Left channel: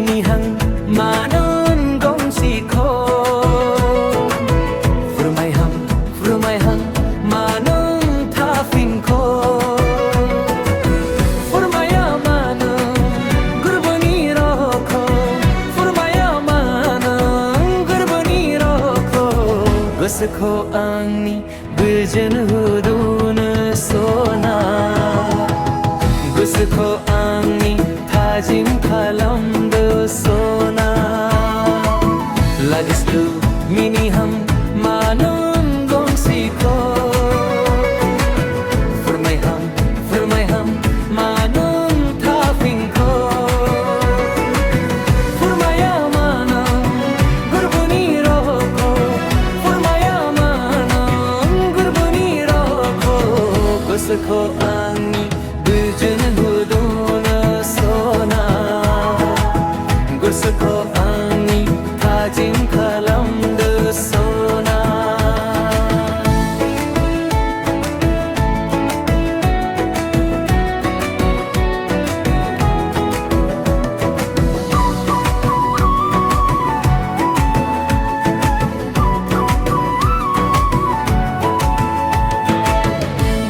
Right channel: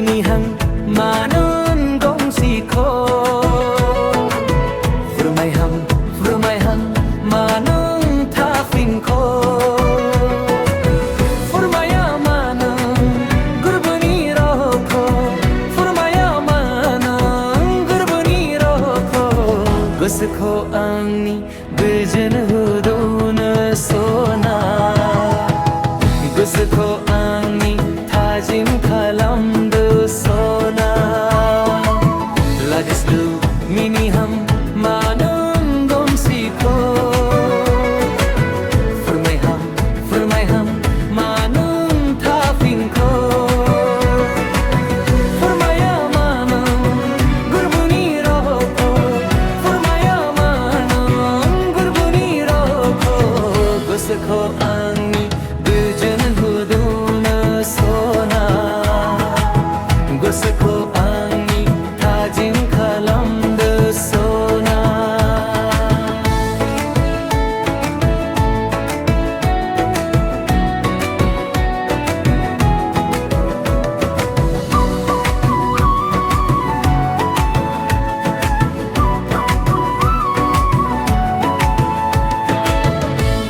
minihang manon gongsikho Furmaihang manong tafinko Furmaya manong gurbani roko Furmaya manong gurbani roko Gusukho angni gujan hudun sona Gusukho angni tajim kalamdu sona Lagislu miniham manon gongsikho Furmaiham manon tafinko Furmaya manong gurbuni roko Furmaya manong gurbuni roko Gusukho angni gujan hudun sona Gusukho angni tajim kalamdu sona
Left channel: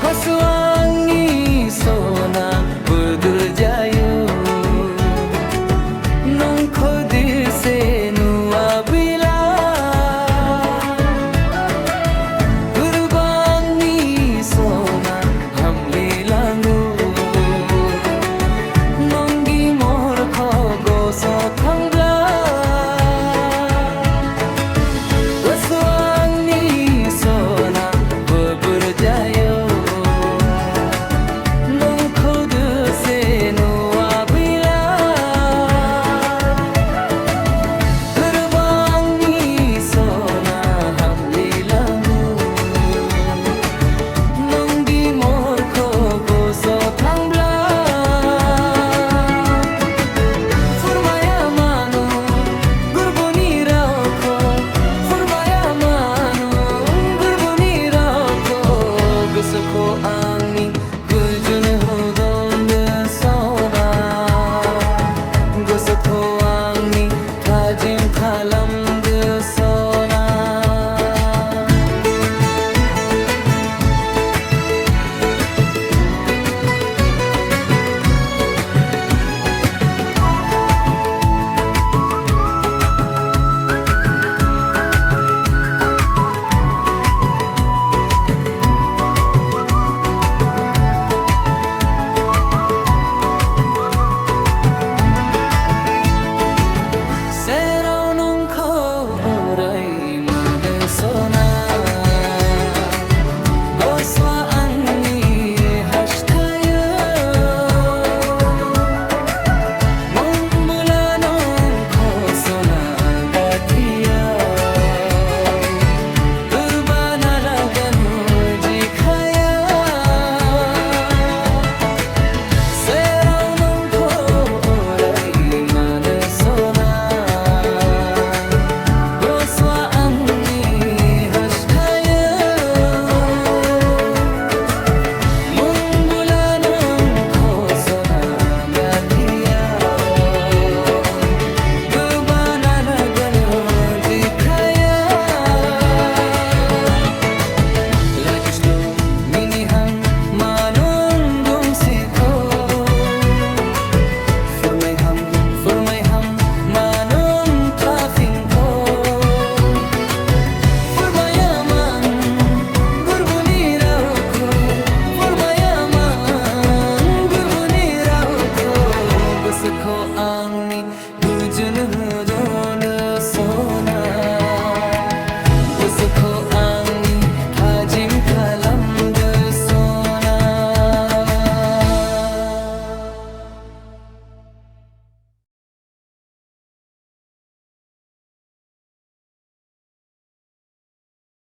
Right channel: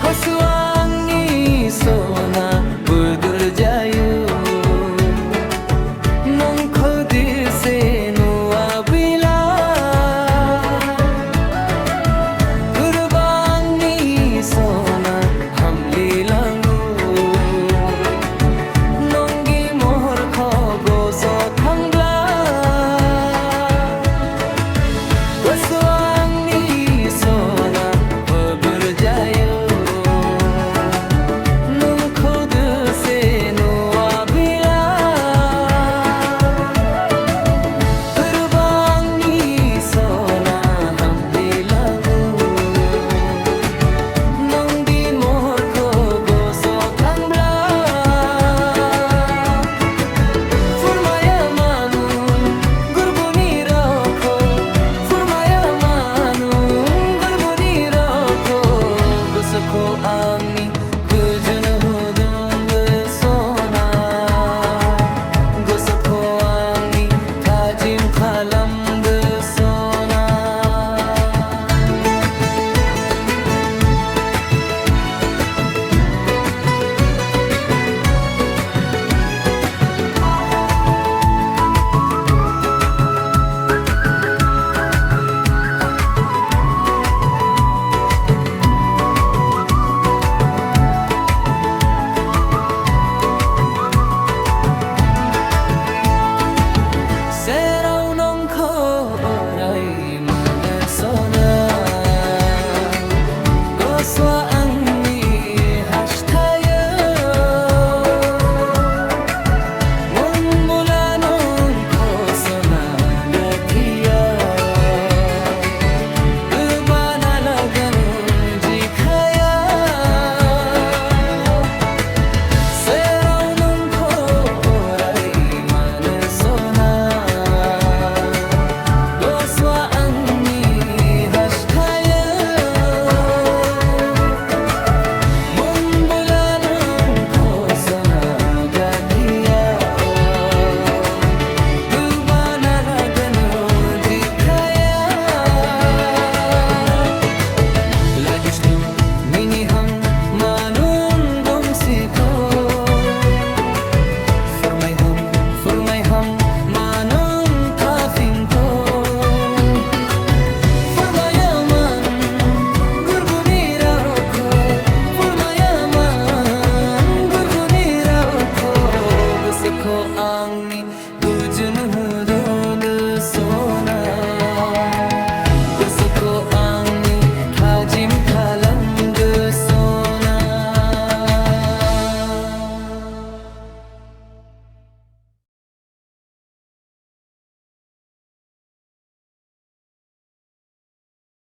Gosuangni sona budur jayu nong khodi se nuwa bila gurbangni sona hamli langu nongi mohor khogo so thangla gosuangni sona budur jayu खुद से नुआ बिला गुरबांगी सोना हमली लागू नंगी मोर को गोसो थांबला फुरमाया मानुन गुरबुनी रखो फुरमाया मानुन गुरबुनी रखो गुसखो आंगनी गुजुन hudun sona Gusukho angni tajim kalamdu sona Serau nong khorai mada sona Goswa angni hashtaya Mumbula nong khosona gathia Dubana lagan jikhaya Serau nong khorai mada sona Lagislu minihang manon gongsikho Furmaiham manon tafinko Furmaya man gurbuni rauko Furmaya man gurbuni rauko Gusukho angni gujun hudun sona Gusukho angni tajim kalamdu sona